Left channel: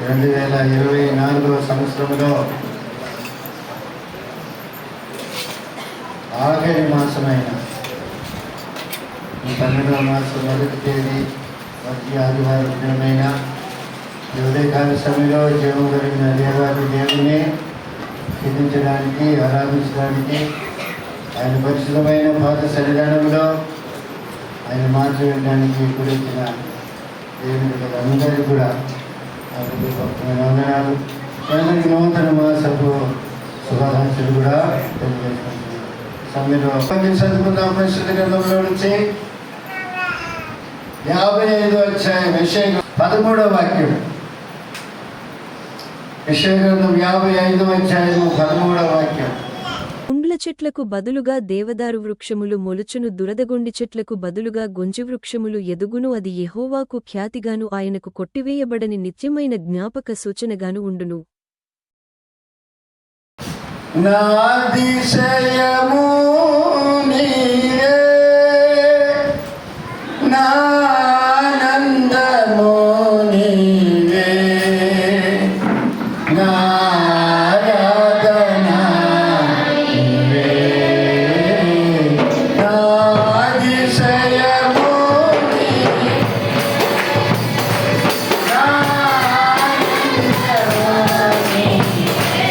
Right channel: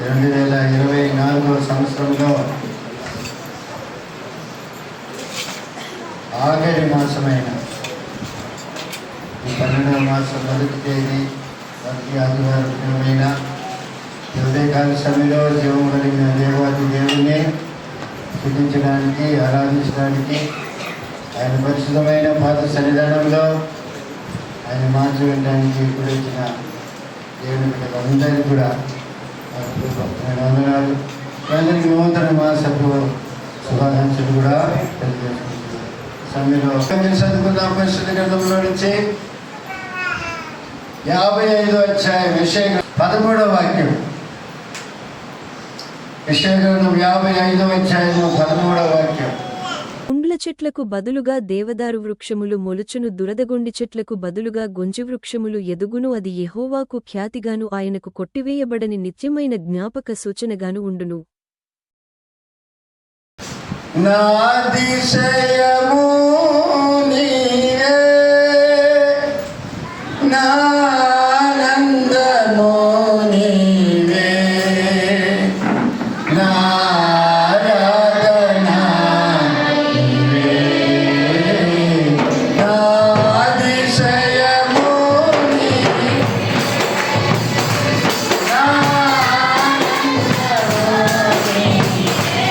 2024 సంవత్సరంలో ఆఖరి మాసమైన 12వ మాసం మొదటి తేదీ మొదటి ఆదివారం దినమైన ఉదయకాల సమయంలో జీవం కలిగిన దేవాది దేవుని స్థుతించడానికి, ఆరాధించడానికి, ఆయన పరిశుద్ధమైన పాత సన్నిధానంలో ఆయన మాటలు వినడానికి ఇప్పుడు వచ్చిన దేవుని అందరికీ కూడా వందనాలు. అందరికీ నూతన మాసపు శుభాకాంక్షలు కూడా తెలియజేసుకుంటున్నాను. సమయంలో చదువుకుందాం. పరిశుద్ధ గ్రంథంలో నుంచి 55వ అధ్యాయం యెషయా 13వ వాక్యం. యెషయా గ్రంథం 55వ అధ్యాయం 13వ వాక్యం. ముండ్ల చెట్లకు బదులుగా దేవదారు వృక్షములు మొలుచును, దురదగొండి చెట్లకు బదులుగా గొంజి వృక్షములు ఎదుగును. అది యెహోవాకు ఖ్యాతిగాను ఆయనకు కొట్టివేయబడని నిత్యమైన జ్ఞాపక సూచనగాను ఉండును. నా అతిశయము నీవే, నా ఆనందము నీవే, నా ఆరాధన నీవే, నా అతిశయము నీవే, నా ఆనందము నీవే.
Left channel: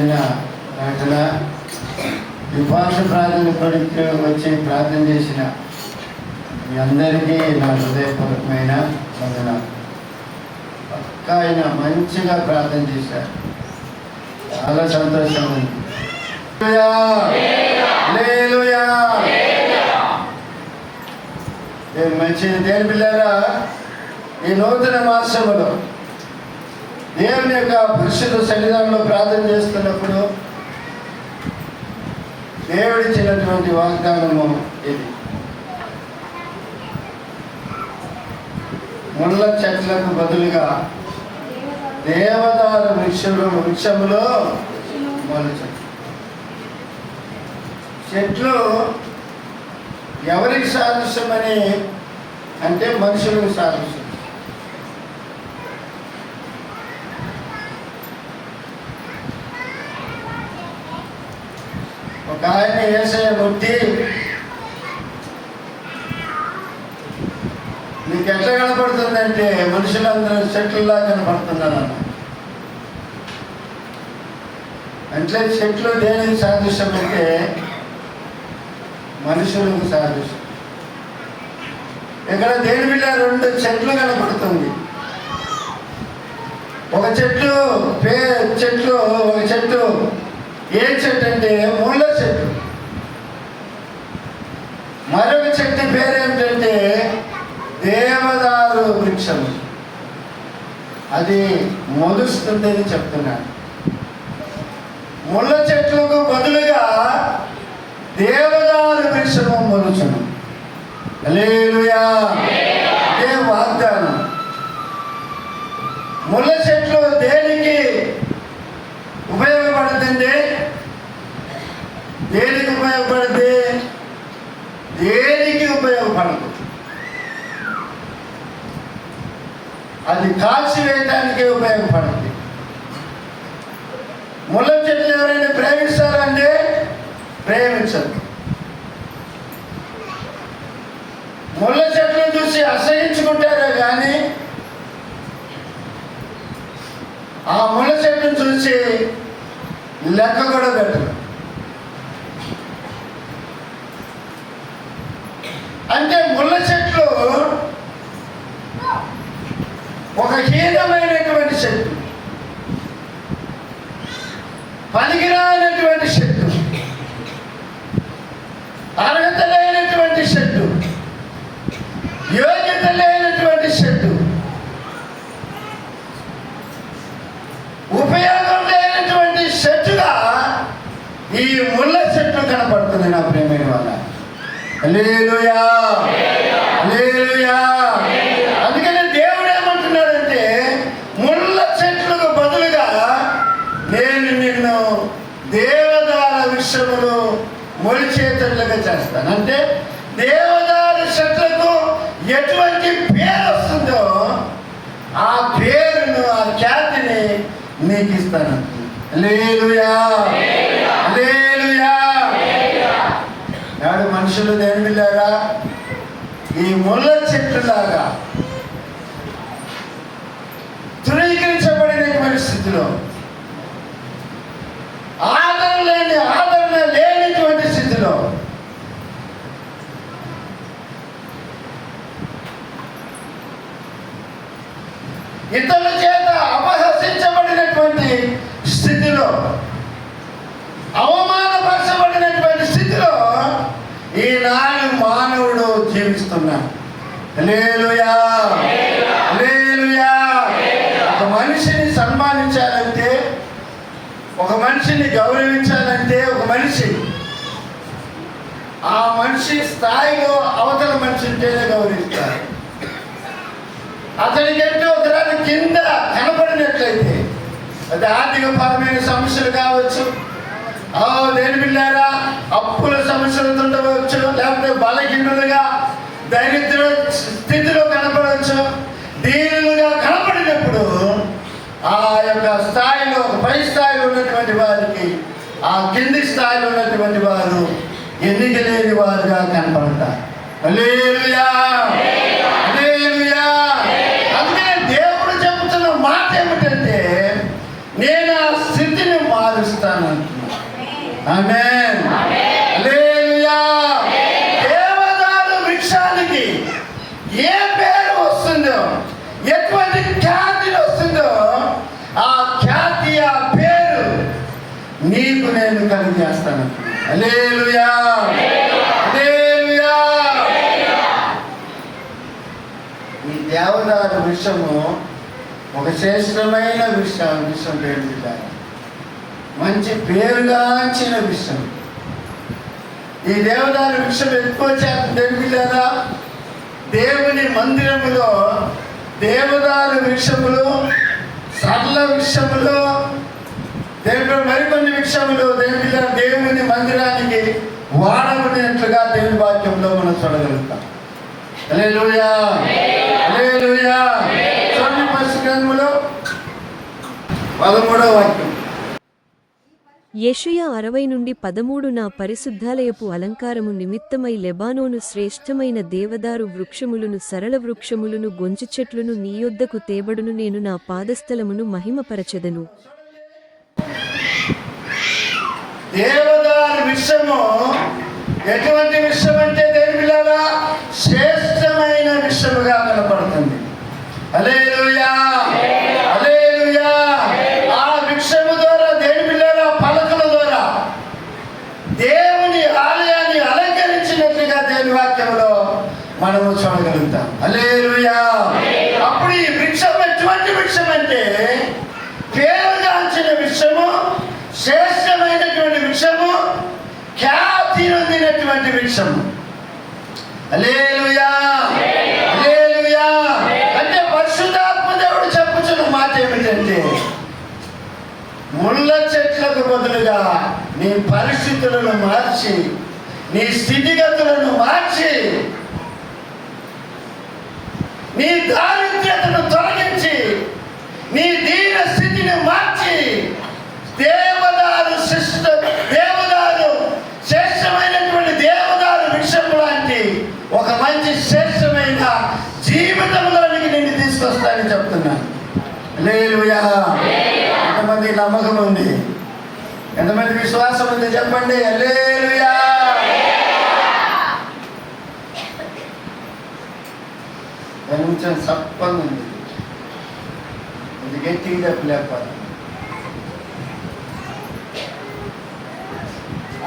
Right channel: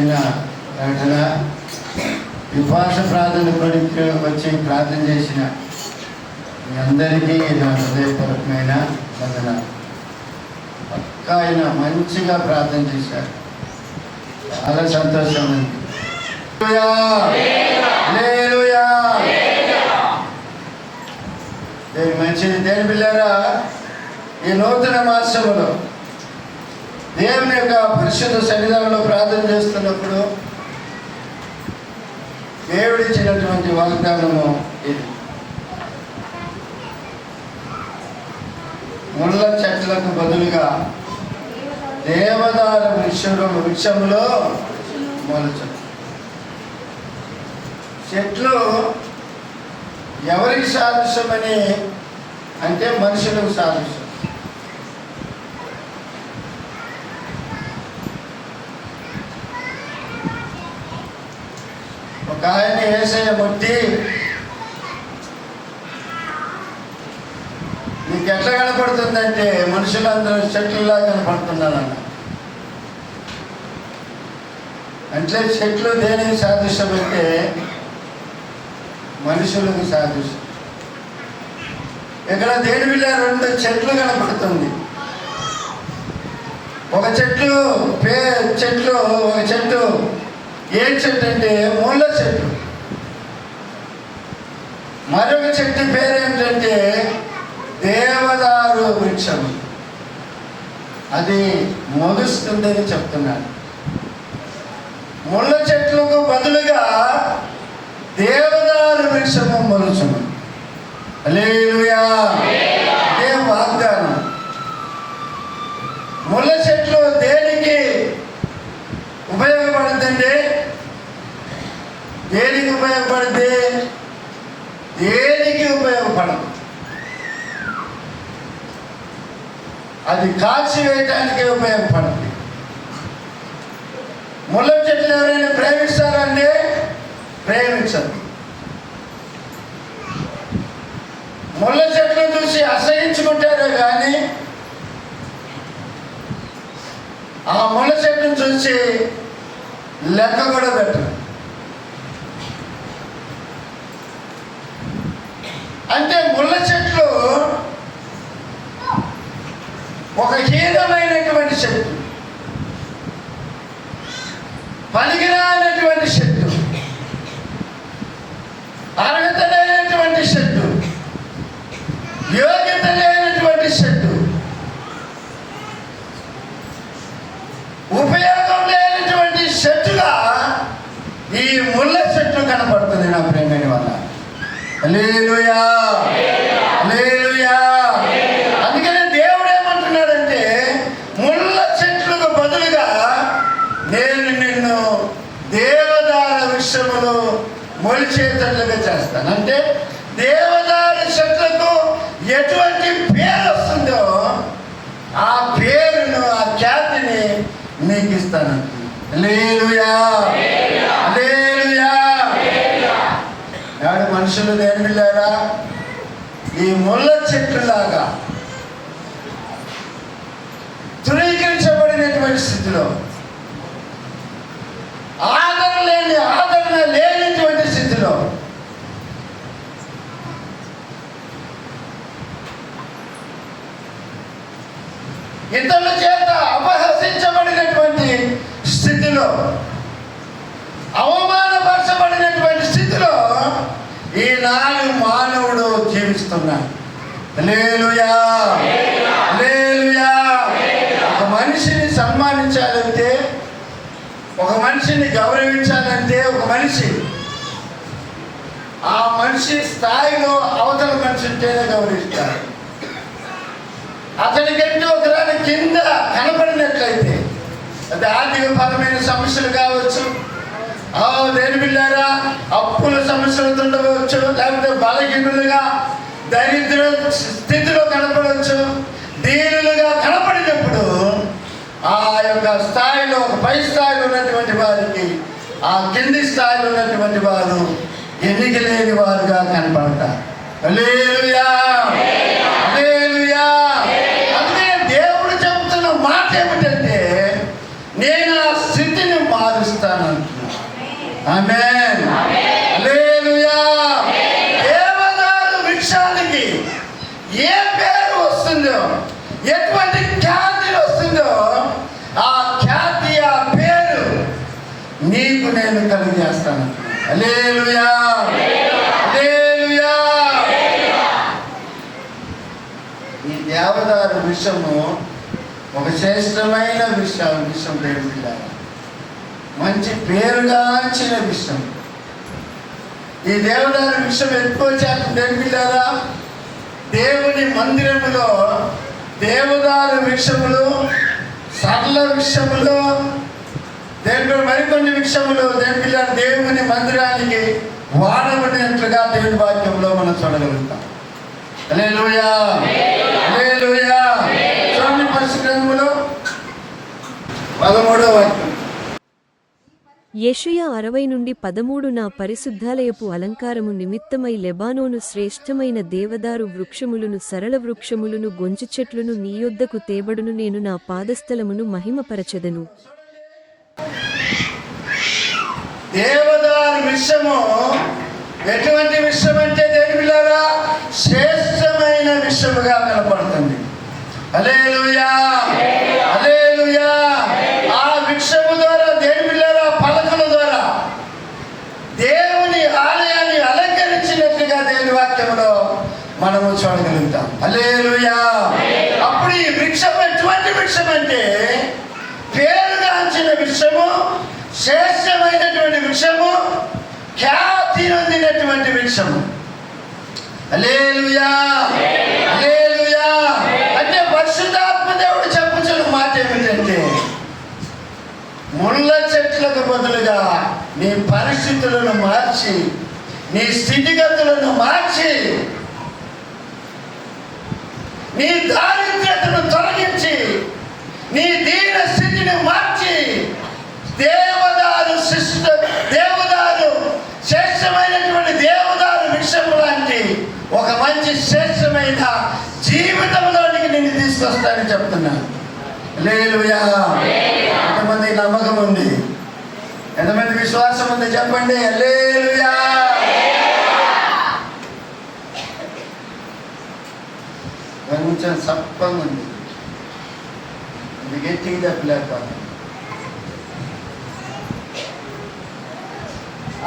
చిన్న ప్రకటన. ఈ ఉపవాస ప్రార్థన కొడుకు వచ్చి ప్రార్థన చేసిన మీ అందరికీ నా హృదయపూర్వకమైన వందనాలు. పక్కా ఆయన మంచిగా ప్రార్థన చేశారు, చాలా సంతోషం ఉంది. హల్లెలూయా. మంచిది దేని పిల్లారా, ఈ నూతన మాసములో దేవుని యొక్క పరిశుద్ధ సన్నిధానంలో ప్రార్థన చేస్తున్నప్పుడు దేవుడిచ్చినటువంటి వాగ్దానము ఇది. ముళ్ళ చెట్లకు బదులుగా దేవదారు వృక్షములో మొలచు. చెట్లు ఎవరికి సాదృశ్యమని అంటే మనుషులకు సాదృశ్యం. ఒక ఆయన యేసయ్య ముట్టి, నీకు ఎట్లా కనపడుతుందంటే మనుషులందరూ చెట్లులా కనపడుతున్నారన్న. అంటే చెట్లు దేనికి సాదృశ్యం అంటే మనుషులకు సాదృశ్యం. ఇక్కడ దేని వీళ్ళ 2 చెట్లు కనపడుతుంది. ఒక చెట్టు ఏం చెట్టు అంటే ముళ్ళ చెట్టు. మరొక చెట్టు పేరేమిటంటే దేవదారు వృక్షము. అది మొలుస్తుందని చెప్తున్నాను. ముళ్ళ చెట్లకు బదులుగా దేవదారు వృక్షము మొలుచును. హల్లెలూయా. ఇదే వాగ్దానం. ముళ్ళ చెట్లు దేనికి ఉపయోగపడుతుంది? దేనికి ఉపయోగపడుతుంది? దేనికి ఉపయోగపడదు. అది కాల్చి వేయటానికే ఉపయోగపడుతుంది. ముళ్ళ చెట్లు ఎవరైనా ప్రేమిస్తారంటే ప్రేమించదు. ముళ్ళ చెట్లు చూసి అసహించుకుంటారే కానీ ఆ ముళ్ళ చెట్టును చూసి లెక్క కూడా పెట్టరు. అంటే ముళ్ళ చెట్లు ఒక హీనమైనటువంటి చెట్టు, పనికిరానటువంటి చెట్టు, అర్హత లేనటువంటి చెట్టు, యోగ్యత లేనటువంటి చెట్టు, ఉపయోగం లేనటువంటి చెట్టుగా ఈ ముళ్ళ చెట్టు కనపడుతుంది నా ప్రేమైన వల్ల. హల్లెలూయా. హల్లెలూయా. అందుకని దేవుడు ఏమంటున్నాడంటే ముళ్ళ చెట్లకు బదులుగా నేను నిన్ను దేవదారు వృక్షములో మొలిచేటట్లుగా చేస్తాను. అంటే దేవదారు చెట్లకు ఎటువంటి పేరు వస్తుందో ఆ పేరును, ఆ ఖ్యాతిని నీకు ఇస్తాను. హల్లెలూయా. హల్లెలూయా. నాడు మనుషులు దేని వెళ్ళారా? ఈ ముళ్ళ చెట్టులాగా ధృవీకరించబడినటువంటి స్థితిలో, ఆదరణ లేనటువంటి స్థితిలో ఇతరుల చేత అపహసించబడినటువంటి స్థితిలో, అవమానపరచబడినటువంటి స్థితిలో ఈనాడు మానవుడు జీవిస్తున్నాడు. హల్లెలూయా. హల్లెలూయా. ఒక మనిషిని సన్మానించాలంటే, ఒక మనిషిని గౌరవించాలంటే ఒక మనిషి ఆ మనిషి స్థాయిలో అవతల మనిషి ఉంటేనే గౌరవిస్తారు. అతనికంటే ఒకదాని కింద కనపడినట్లయితే, అది ఆర్థికపరమైన సమస్యలు కావచ్చు, దేని పిల్లారా అప్పుల సమస్యలతో ఉండవచ్చు, లేకపోతే బలహీనులుగా దరిద్ర స్థితిలో కనపడవచ్చు. దీనులుగా కనపడినప్పుడు ఆ యొక్క స్థాయిలో, పై స్థాయిలో ఉన్నటువంటి వారికి ఆ కింది స్థాయిలో ఉన్నటువంటి వారు ఎన్నిక లేని వారుగా కనపడతారు. హల్లెలూయా. హల్లెలూయా. అందుకే దేవుడు చెబుతున్న మాట ఏమిటంటే నేను ఆ స్థితిని మారుస్తాను. ఆమేన్. హల్లెలూయా. దేవదారు వృక్షానికి ఏ పేరు వస్తుందో, ఎటువంటి ఖ్యాతి వస్తుందో, ఆ ఖ్యాతి, ఆ పేరు నీకు నేను కలిగేస్తాను. హల్లెలూయా. హల్లెలూయా. ఈ దేవదారు వృక్షము ఒక శ్రేష్టమైన విషయం పేరు, మంచి పేరుగాంచిన విషయం. ఈ దేవదారు వృక్షం ఎక్కువ శాతం తెలిపిల్లారా, దేవుని మందిరములో దేవదారు వృక్షములు, సరళ వృక్షములు, మరికొన్ని వృక్షములు దేవుని మందిరానికి వాడబడినట్లుగా దేవుని వాక్యంలో మనం చూడగలుగుతాం. హల్లెలూయా. హల్లెలూయా. చూడండి పరిశుద్ధ గ్రంథములో 13వ వాక్యం. యెషయా 60-13 నా పరిశుద్ధాలయపు అలంకారము నిమిత్తమై లెబానోను శ్రేష్టమైన దేవదారు వృక్షములను, సరళ వృక్షములను, గొంజి చెట్లును నీ యొద్దకు తేబడును, నేను నా పాదస్థలమును మహిమపరచెదను. దేవదారు వృక్షము ఎటువంటి వృక్షం అంటే దేవులారా, శ్రేష్టమైన వృక్షముగా కనపడుతుంది. హల్లెలూయా. హల్లెలూయా. ఆ వృక్షము ద్వారా దేవులారా, పలకల ద్వారా దేవుని ఆలయాన్ని అలంకరించినట్లుగా దేవుని వాక్యంలో మనము చూడగలుగుతాం. హల్లెలూయా. అప్పుడు ఈ వృక్షం ఎటువంటి వృక్షం అంటే పేరుగాంచిన వృక్షము, శ్రేష్టమైనటువంటి వృక్షము, ఖ్యాతి నొందినటువంటి వృక్షము. హల్లెలూయా. హల్లెలూయా. అంటే పరిశుద్ధాత్మ దేవుడు చెప్పుచున్న మాట ఏమిటంటే, ముళ్ళ చెట్లకు బదులుగా నీ పరిస్థితులను మార్చి, నీ స్థితిగతులను మార్చి, నీ దారిద్ర్యతను తొలగించి, నీ దీన స్థితిని మార్చి, దేవదారు శ్రేష్టమైనటువంటి దేవదారు వృక్షము లాంటి ఒక మంచి శ్రేష్టమైన జీవితంలోనికి నేను తీసుకొస్తానని చెప్తున్నాను. హల్లెలూయా. ఎంతమంది నమ్మకం ఉంది? ఎంతమంది విశ్వాసం ఉంది? చెప్పండి. హల్లెలూయా. కొంచెం సప్పంగా ఉంది, ఇది గట్టిగా చెప్పలేకపోతే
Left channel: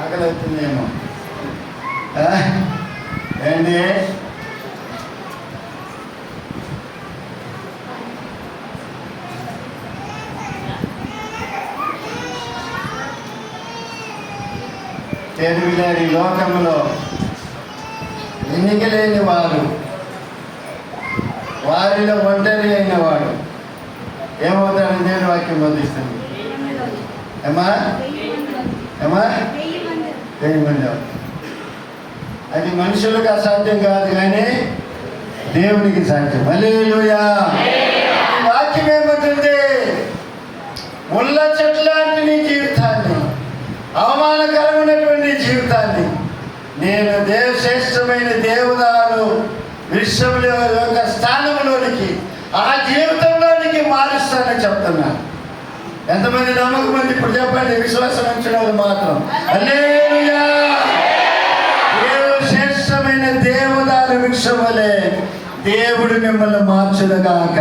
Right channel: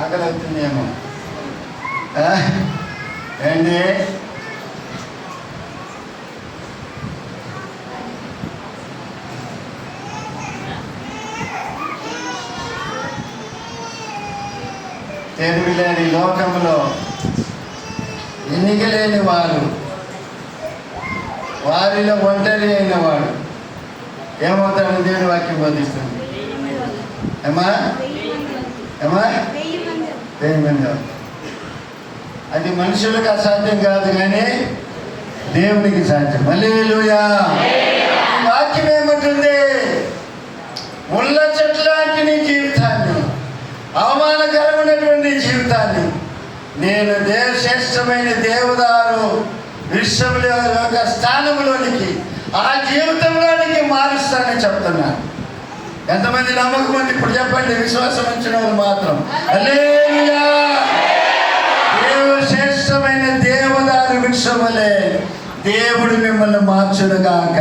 ఆకలి అవుతుందేమో. ఏంటి? తెలివిలేని లోకములో ఎన్నికలేని వారు, వారిలో ఒంటరి అయిన వాడు ఏమవుతాడని దేవుని వాక్యం బోధిస్తుంది. ఏమా ఏమా అది మనుషులకు అసాధ్యం కాదు, కానీ దేవునికి సాధ్యం. హల్లెలూయా. ఈ వాక్యం ఏమంటుంది? ముళ్ళ చెట్టు లాంటి నీ జీవితాన్ని, అవమానకరమైనటువంటి జీవితాన్ని నేను శ్రేష్టమైన దేవదారు విశ్వముల యొక్క స్థానంలోనికి, ఆ జీవితంలోనికి మారుస్తానని చెప్తున్నాను. ఎంతమంది నమ్మకం అండి? ఇప్పుడు చెప్పండి. విశ్వాసం ఉంచిన వాళ్ళు మాత్రం. హల్లెలూయా. శ్రేష్టమైన దేవదారు వృక్షములే దేవుడు మిమ్మల్ని మార్చునుగాక.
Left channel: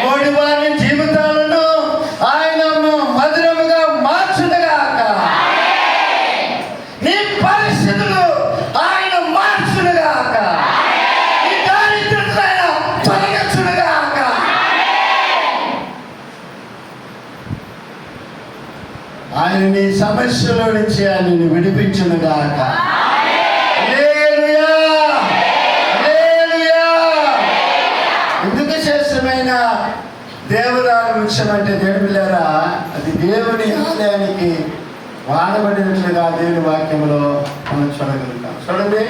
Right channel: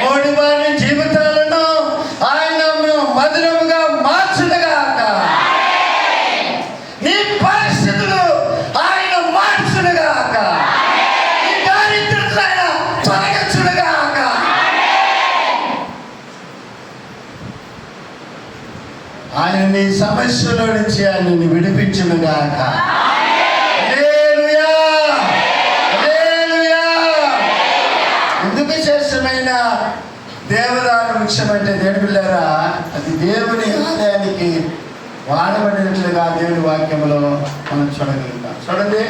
మోడి వారి జీవితాలను ఆయన మధురముగా మార్చునుగాక. నీ పరిస్థితులు ఆయన మార్చునుగాక. నీ దారిద్ర్యం ఆయన తొలగించునుగాక. ఆయన నీ సమస్యల నుంచి ఆయన విడిపించునుగాక. హల్లెలూయా. హల్లెలూయా. ఎందుకు శ్రేష్టమైన దేవదారు వృక్షం అంటే దేవులారా, అది దేవుని ఆలయానికి వాడబడినట్లుగా దేవుని వాక్యంలో మనం చూడగలుగుతాం. చూడండి,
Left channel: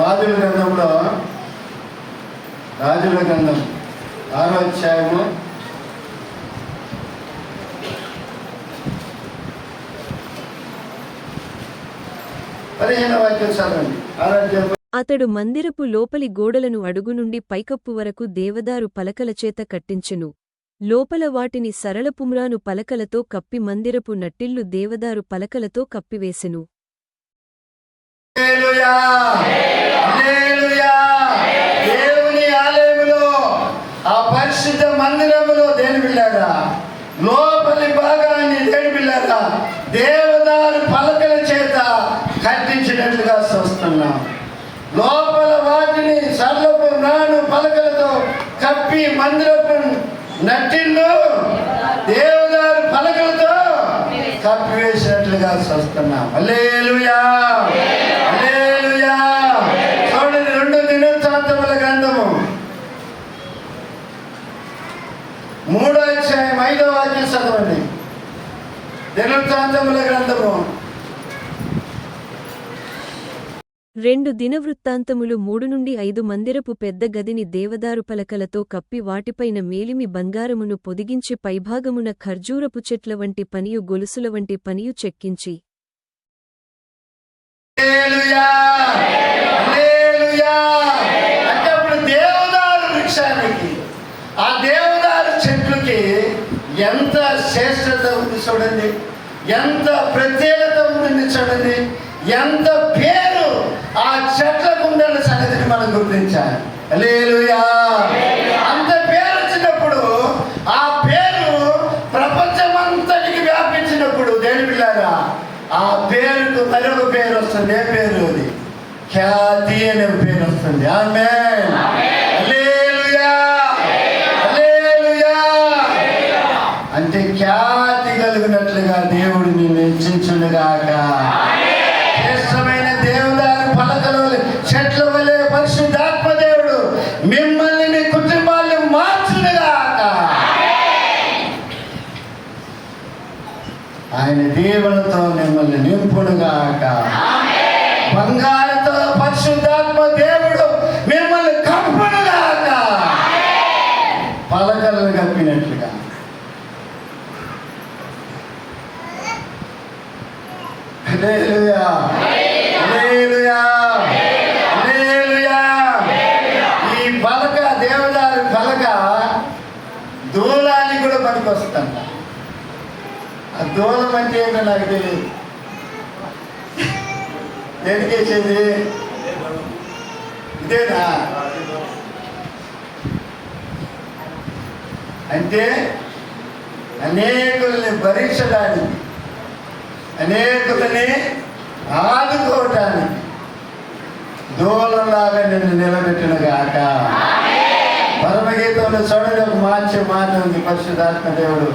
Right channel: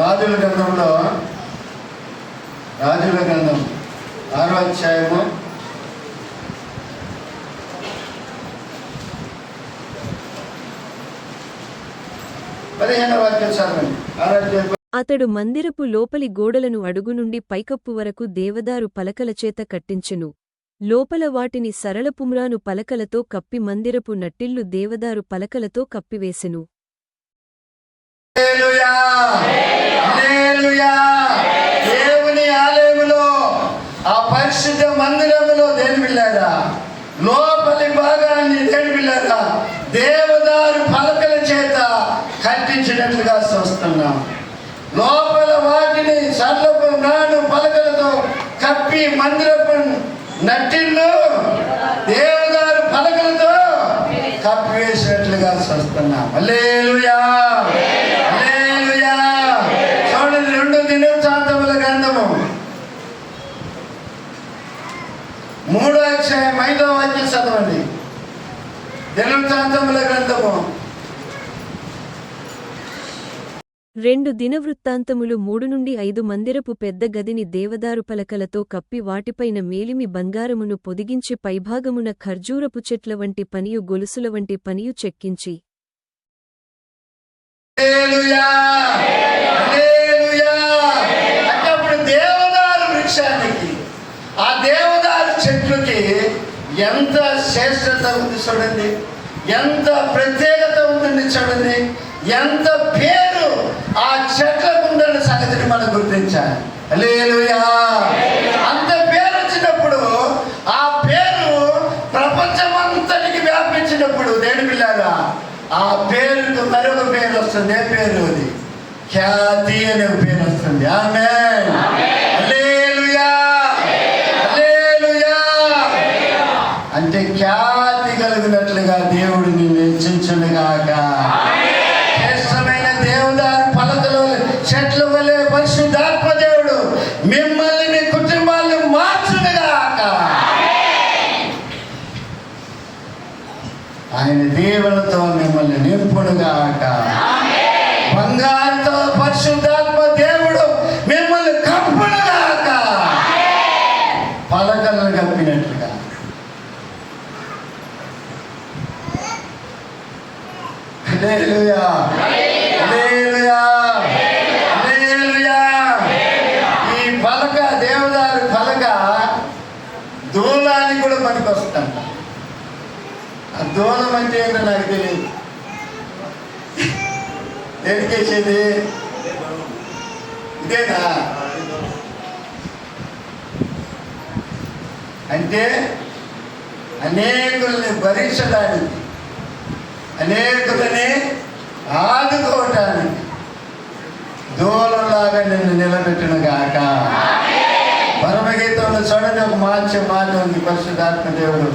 రాజుల గ్రంథంలో, రాజుల గ్రంథం 6వ అధ్యాయము 15వ వాక్యం చదవండి. 6వ అధ్యాయం. అతడు మందిరపు లోపలి గోడలను అడుగు నుండి పైకప్పు వరకు దేవదారు పలకల చేత కట్టించెను. లోపల వాటిని సరళపుమ్రాను పలకలతో కప్పి మందిరపు నట్టిల్లు దేవదారు పలకలతో కప్పివేసెను. హల్లెలూయా, హల్లెలూయా. దేవుని ఆలయములో, ఆ పరిశుద్ధ మందిరములో దేని బిళ్ళారా, లోపలి భాగాన్ని దేని బిళ్ళారా దేవదారు పలకల చేత కట్టించినట్లుగా చూస్తున్నాం. లోపల వాటిని సర్లపు నాడు పలకలతో కప్పి మందిరపు నట్టిల్లు దేవదారు పలకలతో కప్పివేసినట్లుగా చూస్తున్నాం. హల్లెలూయా, హల్లెలూయా. చూడండి, 2 దినవృత్తాంతముల గ్రంథము 3వ అధ్యాయం 5వ వాక్యం చదవండి. దినవృత్తాంతముల గ్రంథము 2 దినవృత్తాంతములు 3-5 మందిరపు పెద్ద గదిని దేవదారు పలకలతో కప్పి వాటిపైన మేలిమి బంగారమును పొదిగించి పైభాగమున ఖర్జూరపు చెట్ల వంటి పనియు గొలుసుల వంటి పనియు చెక్కించి. హల్లెలూయా, హల్లెలూయా. అంటే అప్పుడు దేవదారు వృక్షానికి, ఆ దేవదారు చెట్లకి ఎంత శ్రేష్టత ఉంది చూడండి, ఎంత ప్రత్యేకత ఉంటుంది చూడండి, ఎంత పేరు ఆ చెట్లకు ఉండాలి సంగతిని మనం గుర్తించాలి. హల్లెలూయా. అంత పేరు వచ్చినప్పుడు, ఆ పేరు ప్రపంచమంతటికి వ్యాపించినప్పుడు దేని పిల్లారా ఆ పేరుకు మరొక పేరు వస్తుంది. ఏ పేరు అది? ఖ్యాతి అనే పేరు వస్తుంది. ఆమేన్, హల్లెలూయా, హల్లెలూయా. అంటే ఖ్యాతి కలిగినట్లుగా దేవుడు నిన్ను హెచ్చించునుగాక. శ్రేష్టమైన దేవదారు పలకలు చెట్ల వలె పరిశుద్ధాత్మ దేవుడు మిమ్మల్ని, నీ కుటుంబాలను మార్చునుగాక. ఆయన దీవెనతో మిమ్మల్ని నింపునుగాక. బంగారుతో పరిశుద్ధాత్మ దేవుడు మిమ్మల్ని కప్పునుగాక, పలకలను కప్పినట్లుగా. హల్లెలూయా, హల్లెలూయా, హల్లెలూయా. ఈ పలక, దేవదారు పలక దూలానికి కూడా పనికొస్తుందంట. ఆ దూలం అంటే ఏంటో నాకు తెలియదు. దేనికేసేది ఇదేనా? అంటే అనేకుల్ని భరించడానికి, అనేకులని ఆదుకోవటానికి దూలంలాగా నిన్ను నిలబెట్టిన గాక. పరమగీతంలో చూడండి, ఒక మంచి మాట ఉంది. పరిశుద్ధాత్మ దేవుడు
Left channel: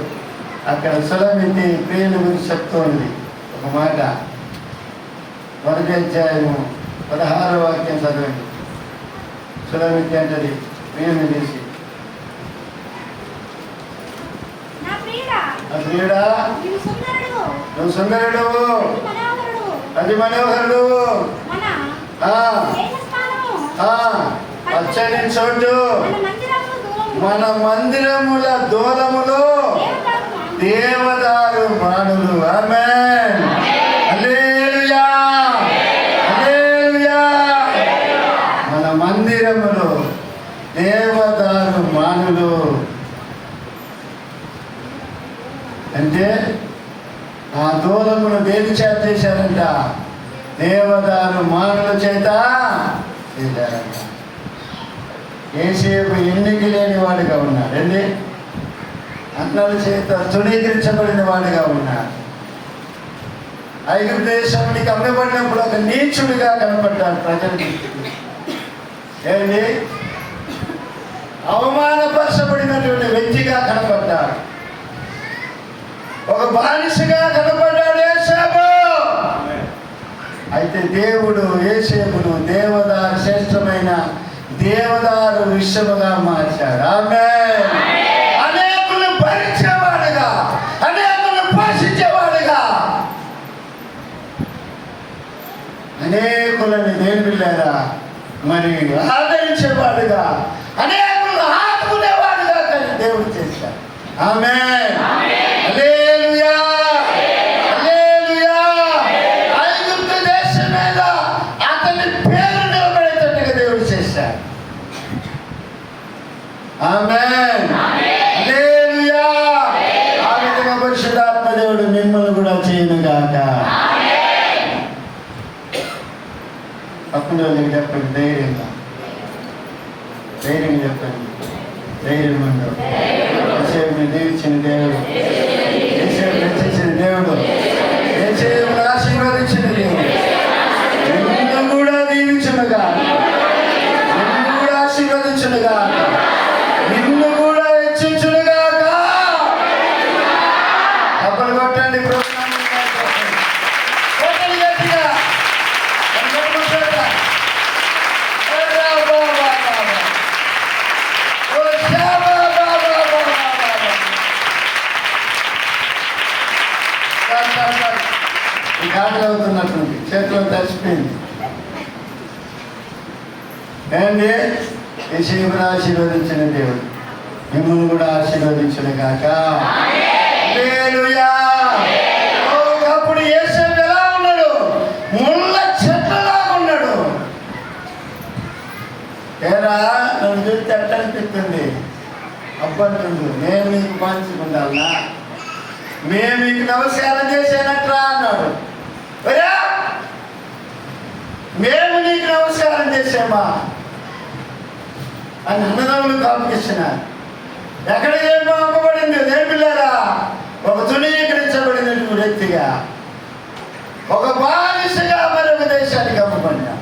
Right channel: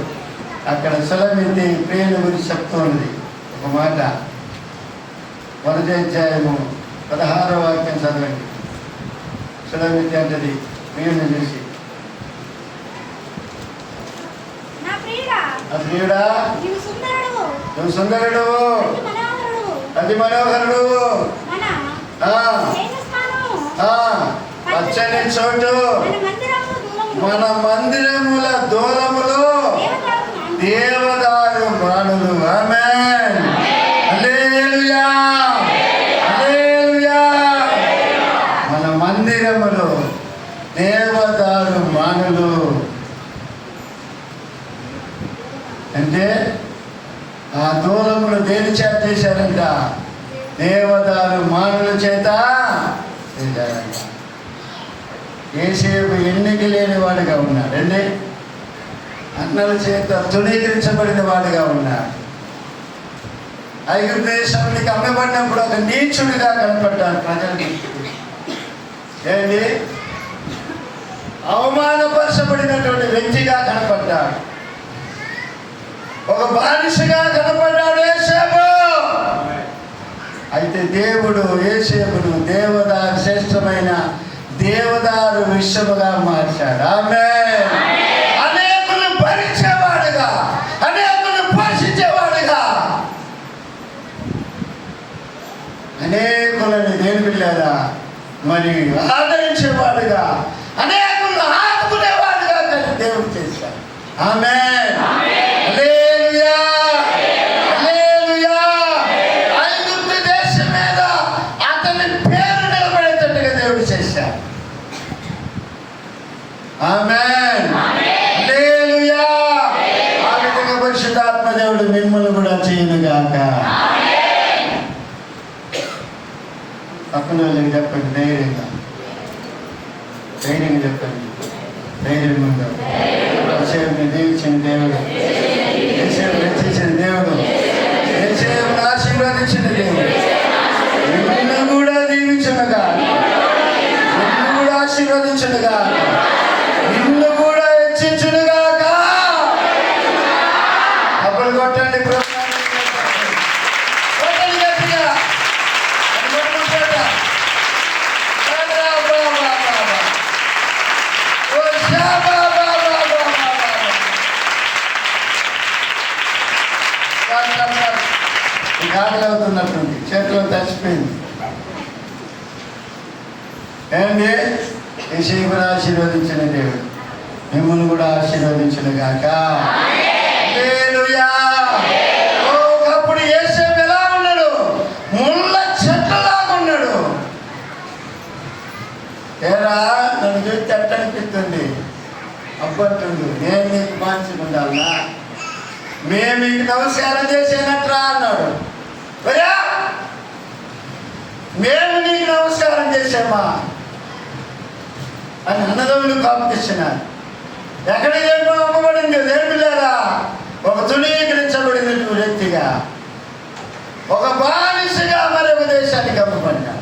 అక్కడ సులమితి ప్రియుల గురించి చెప్తూ ఉంది. ఒక మాట 1వ అధ్యాయము 16వ వాక్యం చదవండి. సులమితి అంటది ప్రియుని చేసి, ఆ ప్రియుడా నువ్వు సుందరుడు, అది మనోహరుడు, పచ్చని చోటు మన మందిరముల దూలములో దేవదారు మానులు. ఆమేన్, హల్లెలూయా, హల్లెలూయా. మన మందిరములో దేవదారు మానులు అంటే ఆ దూలమును దేని చేత చేశారంట? దేవదారు మానుల చేత చేశారంట. యేసేపు ఎన్నిక లేని వాడుగా ఉన్నాడండి. అన్నల చేత తృణీకరించబడిన వాడిగా ఉన్నారు. ఐగుప్తు దేశానికి అమ్మబడినప్పుడు ఒక నీచుడిగా కనపడ్డాడు ప్రజలకి. ఏంటి? అవమానపరచబడినటువంటి వ్యక్తిగా కనపడ్డాడు. ఒక బానిసగా కనపడ్డాడు యేసేపు. అయితే దేవుడు యేసేపును దేవదారు, శ్రేష్టమైన దేవదారు విషయముగా మార్చాడు. ఆమేన్. అనేకులను భరించేవాడుగా, అనేకులను పోషించేవాడుగా, అనేకులని దేని పిల్లారా మరి ఆదరించేవాడుగా, అనేకులను ఆదుకునేవాడుగా దేవుడు చేశాడు. ఆమేన్, హల్లెలూయా, హల్లెలూయా. ఐగుప్తు దేశం మీద అతని పేరు నిలబడేటట్టుగా దేవుడు చేశాడు. ఆమేన్, హల్లెలూయా. దయచేయునుగాక. పక్కన వాళ్ళకి చెప్పండి, ధైర్యంగా చెప్పండి. ధైర్యం ఉండవు. యేసేపుని దీవించిన దేవుడు, యేసేపుని రక్షించిన దేవుడు, యేసేపుని ఆశీర్వదించిన దేవుడు నిన్ను కూడా దీవించునుగా, నిన్ను కూడా ఆశీర్వదించునుగా, నిన్ను కూడా హెచ్చించునుగాక. అప్పుడు కొట్టండి, కాకలు అవుతున్నటువంటి చేతిలో తడిచిపోయింది. ఏంటి? యేసేపుని ఆశీర్వదించిన దేవుడు మిమ్మల్ని కూడా ఆశీర్వదించిన గాక. హల్లెలూయా. అప్పుడు యేసేపు ఎలా ఉన్నాడు? ముళ్ళ చెట్టులాగా ఉన్నాడు. ఏరా నన్ను చూస్తే ఎట్ట అనిపిస్తుంది? అబ్బంటుండు, నేను నీకు మంచిగా ఉండాలనా? మేము మీకు నమస్కారం చేసేనట్రా అన్నాడు. మేము నీకు నమస్కారం చేసామా అని అన్నదమ్ములు కాంపిస్తున్నారు. ఎక్కడ ఏమో అమ్మబడింది లేరా? ఒక తునీకరించబడినటువంటి వ్యక్తిగా, ఒక బానిసగా మరొక దేశానికి అమ్మబడినా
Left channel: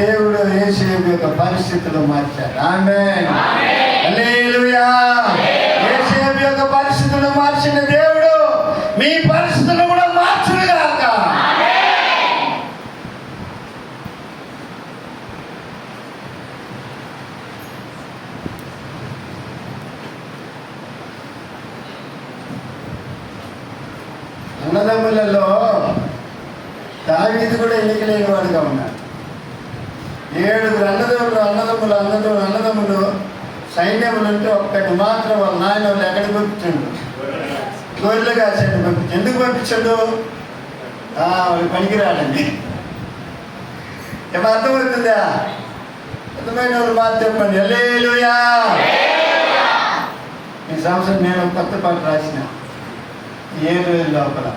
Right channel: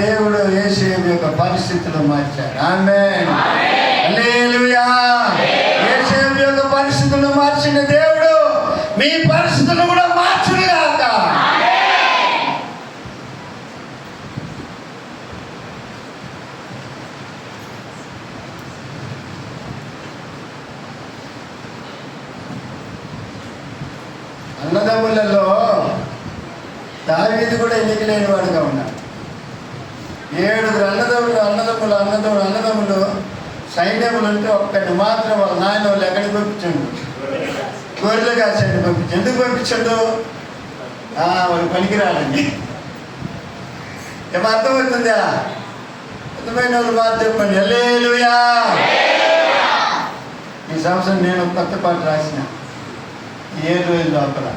దేవుడు యేసేపు యొక్క పరిస్థితులు మార్చాడు. ఆమేన్. హల్లెలూయా. యేసేపు యొక్క పరిస్థితులు మార్చిన దేవుడు మీ పరిస్థితులు కూడా మార్చునుగాక. అన్నదమ్ములలో దావీదు కూడా ఎన్నికలేని వాడిగా ఉన్నాడు. 7 అన్నదమ్ములు సైన్యములు ఉంటే ఒక్కటి మాత్రం వాళ్ళ నాయన వాళ్ళు ఎక్కడికి పంపించండు? గొర్రెలు కాసేపు పంపించండు. ఎందుకు పంపించండు? వాడు పనికిరాడండి. ఏమో అర్థమవుతుందా? అర్థమైన వాళ్ళు బాగా చెప్పండి. హల్లెలూయా. ఈ సంవత్సరం నేను కొత్త పాట రాసిన 7 రోజుల లోపల.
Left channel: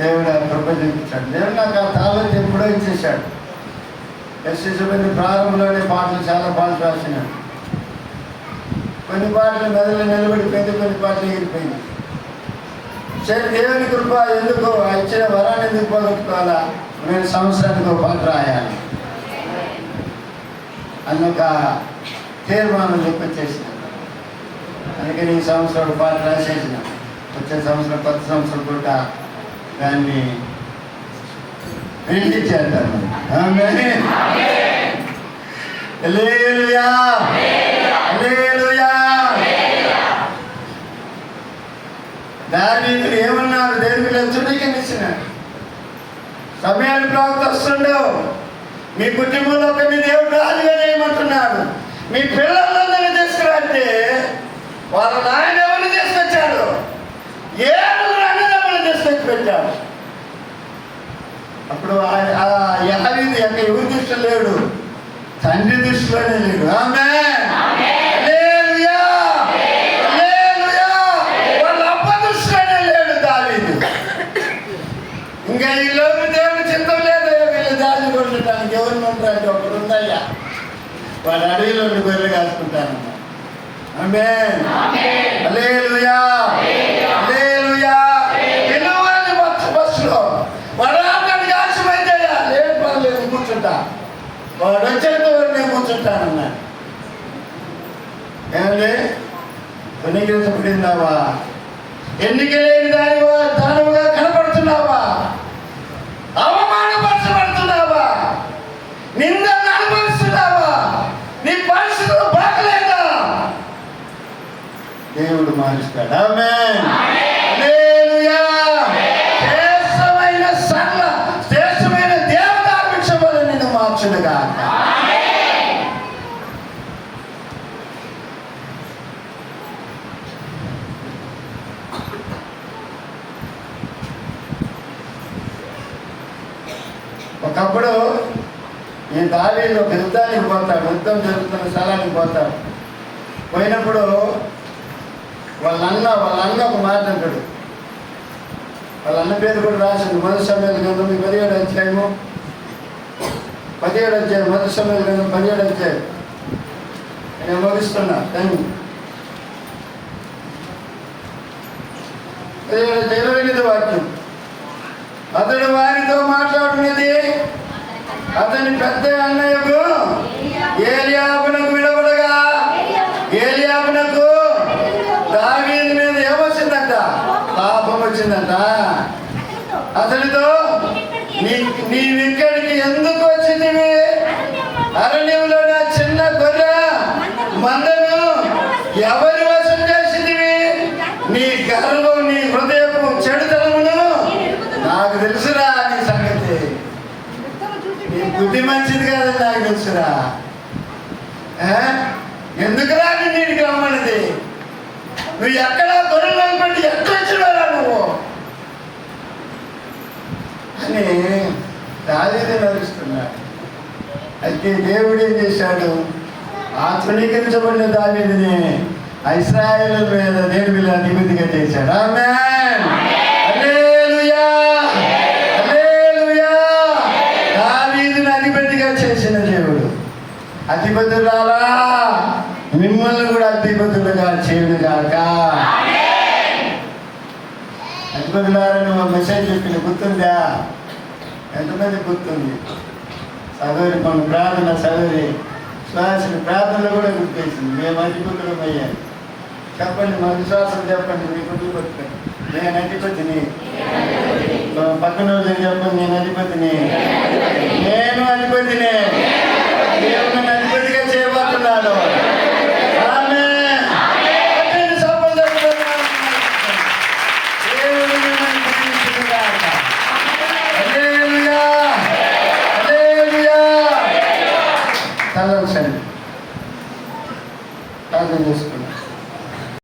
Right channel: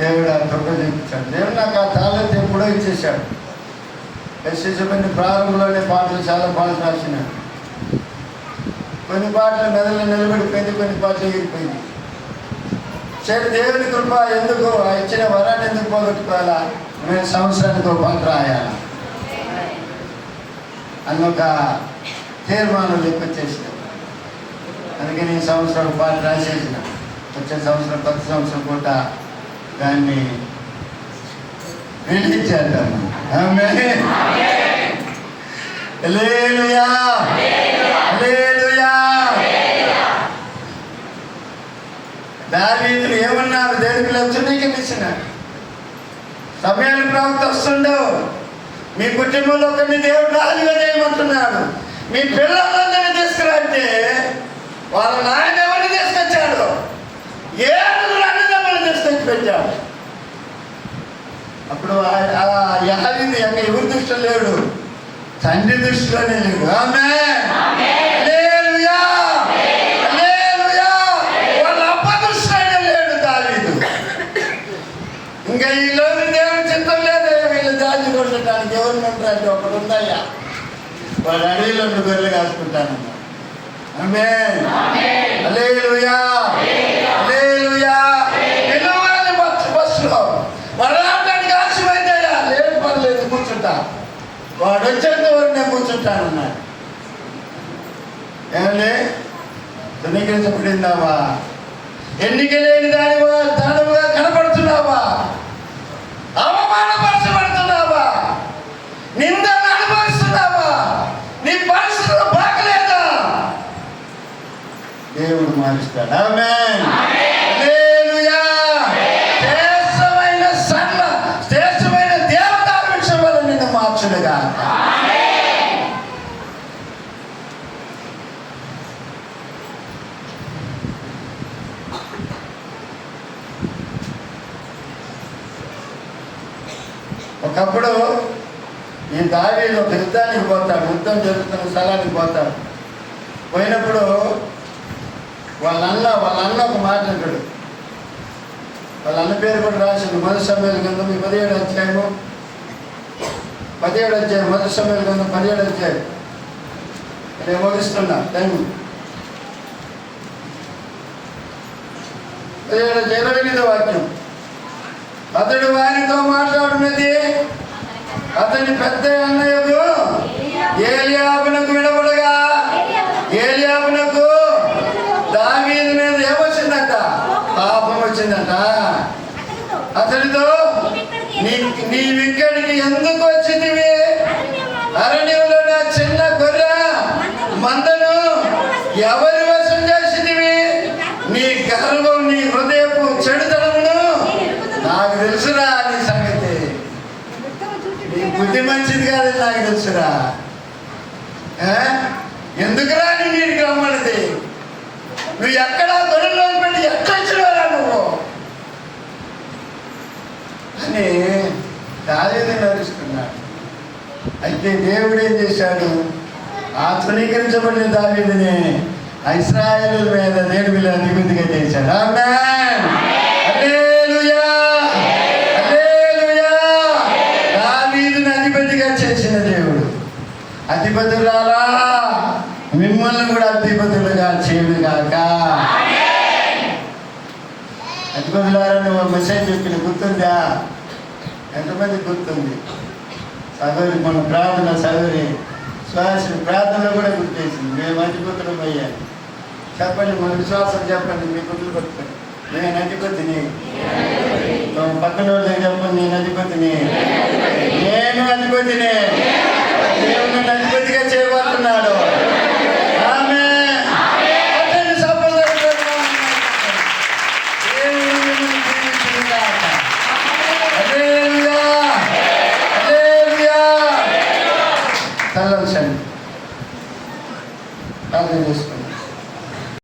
దేవుడు ఆ కృప చూపించాడు. దేవుడు నాకు ఆ తాళం ఎప్పుడో ఇచ్చేసాడు. ఎస్ఎస్బిని ప్రారంభంలోనే పాటలు చాలా పాటలు రాసినాడు. కొన్ని పాటలు మెదళ్ళు నిలబడిపోయింది, కొన్ని పాటలు ఎగిరిపోయింది. సరే, దేవుని కృప ఎందుకు ఇచ్చిన వరాన్ని ఎందుకు పోగొట్టుకోవాలా? నేను సంవత్సరానికి ఒక పాట రాయాలి అని ఒక తీర్మానం చెప్పొచ్చేసిన. అందుకని ఈ సంవత్సరం పాట రాసేసిన. వచ్చే సంవత్సరం కొత్త సంవత్సరం కూడా దాన్ని వింటి చేద్దాం. ఆమేన్. హల్లెలూయా. హల్లెలూయా. దావీదు ఏమన్నారు? దేవుని తునీకరించినాడు. సమయాన్ని ప్రవక్త వస్తుండవు. మీ కుటుంబంలో ఒకరిని దేవుడు రాజుగా చేయమంటున్నాడు. మీ పిల్లలందరినీ తీసుకురంటే వాళ్ళ నాయన ఎవరిని తీసుకొచ్చాడు? 7 అన్నదమ్ములు తీసుకొచ్చి పెట్టాడు. అప్పుడు యావీదు అక్కడ ఎవరి దృష్టిలో లేడు, తండ్రి దృష్టిలోనే లేడు. ఆమేన్. హల్లెలూయా. హల్లెలూయా. వాళ్ళ అబ్బ దృష్టిలోనే లేడు దావీదు. ఇంకా ఈ లోపు దేవుని చిత్తం లేదు వీళ్ళు దాచి కొట్టడానికి. ఎవరిని ఉంటారంటే ఒకడు ఉందయ్యా, వాడు అడవిలో గొర్రెలు కాసుకుంటానన్నా. ఆమేన్. హల్లెలూయా. హల్లెలూయా. పిల్లవాడిని బస్సులో వాడు ఆటడానికి ఆశమైతే లేదు, పర్లేదు కూర్చుంటా, వాడు వచ్చేంత వరకు నేను కూర్చుంటానన్నాడు. ఏమండి? తునీకరించబడిందావా? ఎన్నికలేని దానిగా కనపడుతున్నావా? అవమానపరచబడుతున్నావా? నిందను అనుభవిస్తున్నావా? నీ పరిస్థితులు బాగలేదా? దేవుడు మారుస్తాడు. ఆమేన్. హల్లెలూయా. శ్రేష్టమైన దేవతా వృక్షం వల్ల నిన్ను మార్చునుగాక. ఒకప్పుడు ఈ దావీదు ఒక యుద్ధానికి పోతాడు, యుద్ధం జరుగుతున్న స్థలానికి పోతాడు. పోయినప్పుడు వాళ్ళ అన్న ఒక మాట అంటాడు. వాళ్ళ అన్న పేరు కూడా రాసింది మొదటి సమయాల గ్రంథం 17వ అధ్యాయము 17వ అధ్యాయం మొదటి సమయాల గ్రంథం 17వ అధ్యాయం. నేను ముగిస్తున్నా టైం. 17వ అధ్యాయం 28వ వాక్యం. అతడు వారితో మాట్లాడున్నది అతని పెద్ద అన్నయ్యకు ఏలీయాబునకు వినబడగా, ఏలీయాబునకు దావీదు మీద ఏమొచ్చిందంట? పాపం వచ్చిందంట. అతడితో నీవిక్కడికి ఎందుకు వచ్చిందివి? అరణ్యంలో నా చిన్న గొర్రె మందను ఎవరి వశం చేసిందివి? నీ గర్వం, నీ హృదయపు చెడుతనమును నాకు తెలుసురా. నీ సంగతి, నీ బుద్ధి మంచిది కాదని నాకు తెలుసురా. ఎందుకురా నీటికి రమ్మన్నది? నువ్వు ఎక్కడా గొర్రెల్లో పెట్టి ఎక్కడొచ్చినారా నువ్వు అని దావీదు నడుస్తున్నాడు. అయితే దేవుడు ఏం చేశాడు? ఆ తృణీకరించబడిన దావీదుని ఇశ్రాయేలు మీద దేవుని అధిపతిగా చేశాడు. ఆమేన్, హల్లెలూయా, హల్లెలూయా. దావీదుని అధిపతిగా చేసిన దేవుడు అధిపతులారా మిమ్మల్ని కూడా అధిపతులుగా చేయను కాక. అధిపతులారా నువ్వు మెసేజ్ చెప్పిన గుర్తుందా? ఎంతమంది గుర్తుంది? సగోరి మన ప్రార్థన, సగోరి శ్వాసని ప్రార్థనలో కూడా గుర్తేసింది. మేము అధిపతులం అయ్యాను. చెప్పండి, మన విశ్వాసం చెప్పండి, మీ గుర్తు పట్టుకోండి. నేను అధిపతిని. పక్కన వాళ్ళకి చెప్పండి, నేను అధిపతిని, నేను అధిపతిని. దేవుడు నన్ను అధిపతిగా చేయబోతున్నాడు. ప్రార్థన చేస్తాం.